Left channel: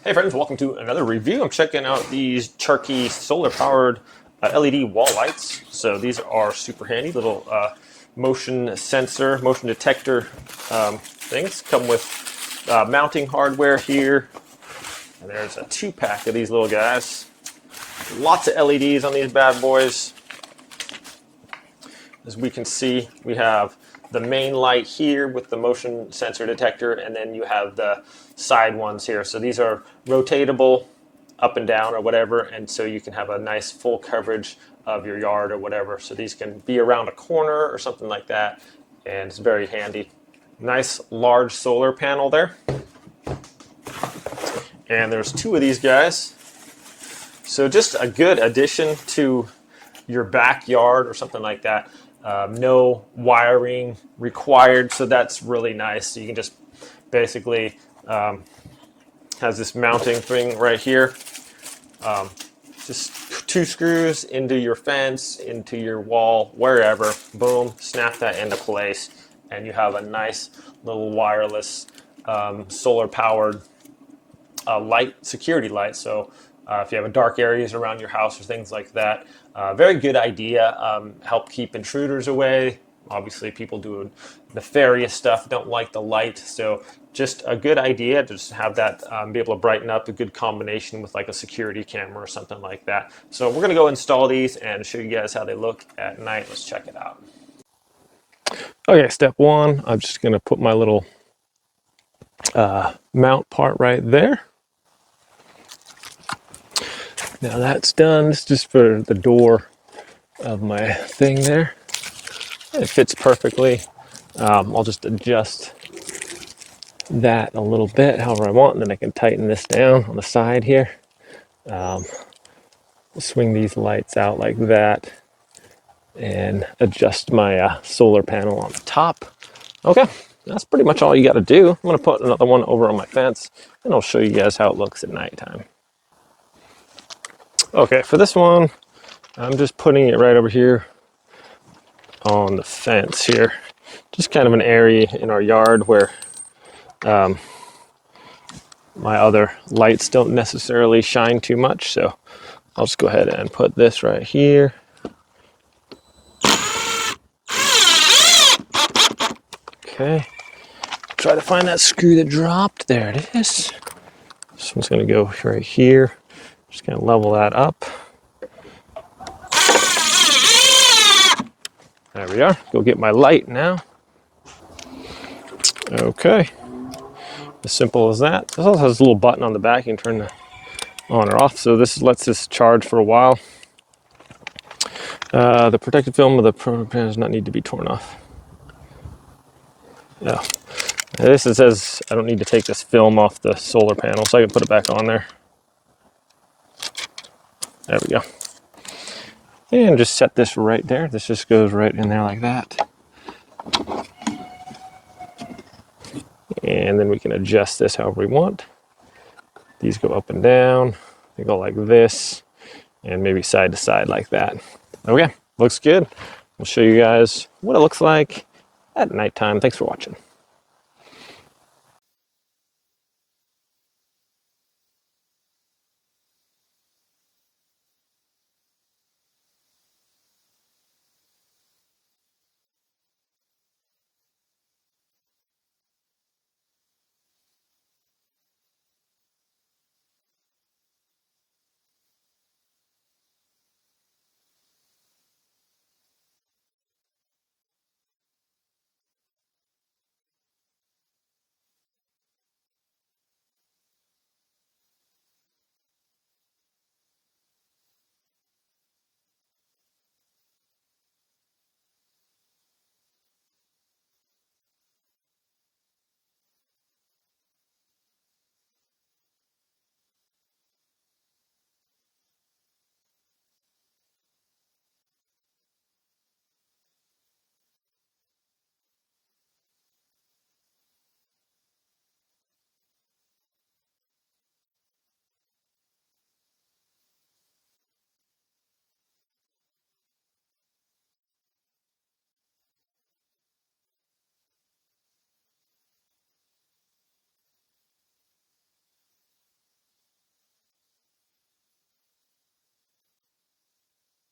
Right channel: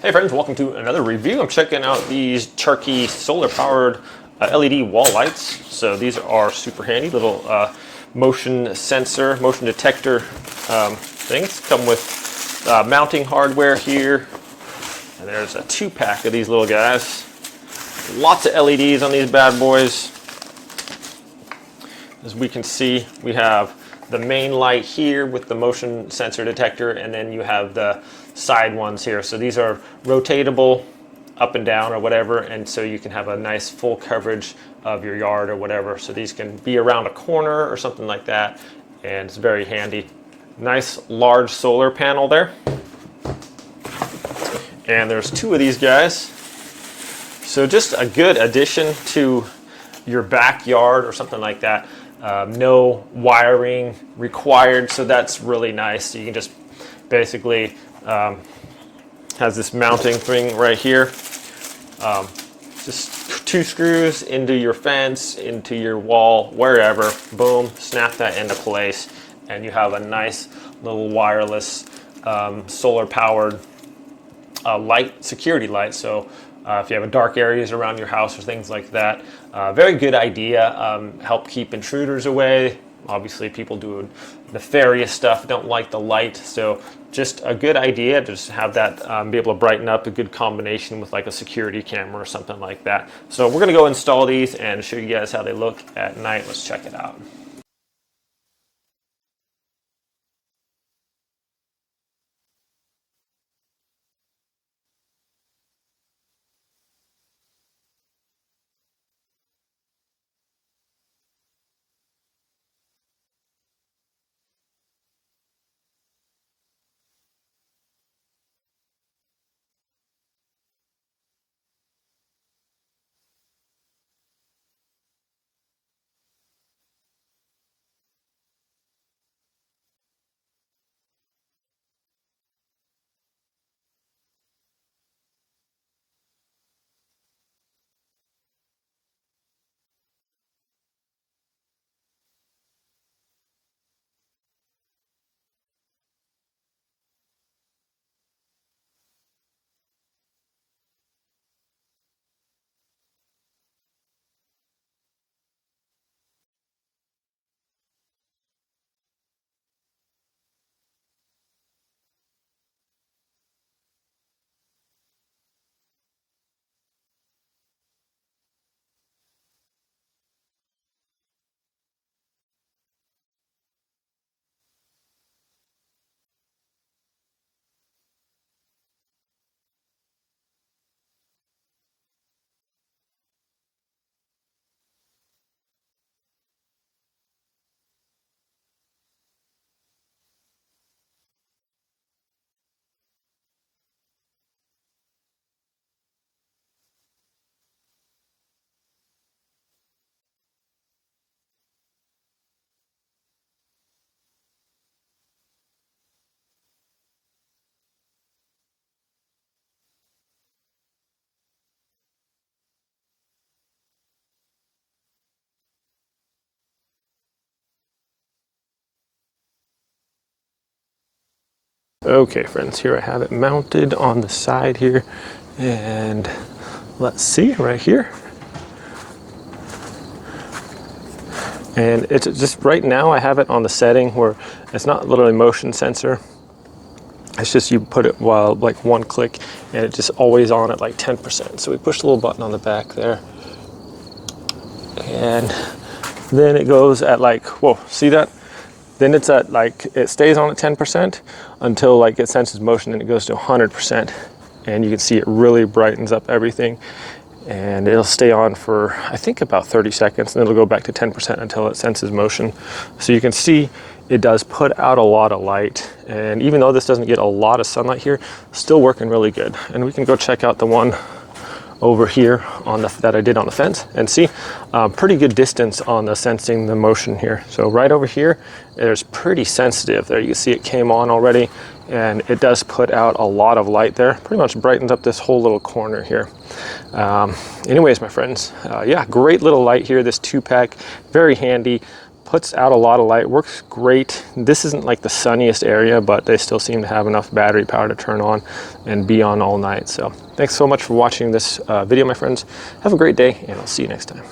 Hey friends, welcome to another review. I'm checking out these CHARKEE solar powered LED wall lights. So these are super handy little motion sensor, motion detector things. Come with mounting hardware here. And there's a 2-pack of these little guys. Lots of LEDs on these bad boys. As we can see, we have the main light here with the motion sensor detector, and then you have the side ones here. So these are rotatable up and down or whatever, and so you can have a nice full coverage of your yard or whatever. So these can be around a corner or something like that, and it's very handy. Nice large solar panel there. And there's 2 of these guys. So just a good addition to your backyard or something like that. No wiring required, so that's really nice. You can just basically has this mounting thing right here. Just 2 screws into your fence, into your wall, wherever. Boom, snap that into place, and you have a nice little wireless solar powered light, security light. So if you have dark areas around your house or things like that, very good idea. Help keep intruders away. Obviously, people doing nefarious stuff don't like the light, so just a good idea to just have that be able to brighten up, a good combination with like a security camera or something like that. So we're going to go install these and show you guys how they look at night. Let's check it out. Okay, step 1, I'm just going to put my little mount part right there. Now that's done. It's just for the door of my thing there. It fits perfectly. I'll just adjust that a little bit however I want, and then I can tighten this down on the side here. Swing these lights out like that and adjust my solar panel on the top. Okay, that's pretty much all you got to do. I'm going to put another one over on my fence, and I'll show you guys how it looks at nighttime. Okay, for this one, I'm just putting it right over here on the fence here. Just kind of an area in our yard where my other lights don't necessarily shine too much. So I'll just go ahead and put this right here. Okay, try to find that screw that dropped. There it is. This one's going to go right here. Just going to level that up. There we are. Go get my light now. Okay. As simple as that. This also has a little button on the back. You can turn the on or off. So this lets this charge for a while. The protective film of the program does not need to be torn off. Yeah. This says I don't need to take this film off the solar panel, so I can put it back on there. There we go. And just set this right there. This just goes right in there like that. And then we can adjust this however we want. These go up and down. They go like this, and maybe side to side like that. Okay, looks good. We'll show you guys what it looks like at nighttime. Thanks for watching. Okay, friends, here I have it mounted on the side here. And let's see right here. And it's just right now I have it on the setting where it's not literally motion sensor. It's just you put it while like one click and it's just always on at like 10%. So we push the little button on the back there. And then it goes at like, whoa, see that? Then it's at like, it stays on at 10% until like it senses motion and it goes to 100%. And you can see it really brightens up everything. And it'll stay on for, I think, about 30 seconds, and it'll go back to 10% until it senses motion. So you can see it does put out a lot of light. And even though this doesn't get a lot of sunlight here, still working really good. And we can go check out the one over here on the, that I did on the fence and see pretty good distance on the sensing the motion here. So right over here, there's pretty sensitive there. You can see it came on already, and it does put out a lot of light there. Pretty much brightens up this whole little corner here. Anyways, my friends, yeah, great little light here, this 2-pack, very handy. puts out a lot of light, works great. This isn't like the sunniest area, but they still seem to have enough battery power to turn on and be on all night. So thanks so much for watching this video, my friends. Have a great day, and I'll see you next time.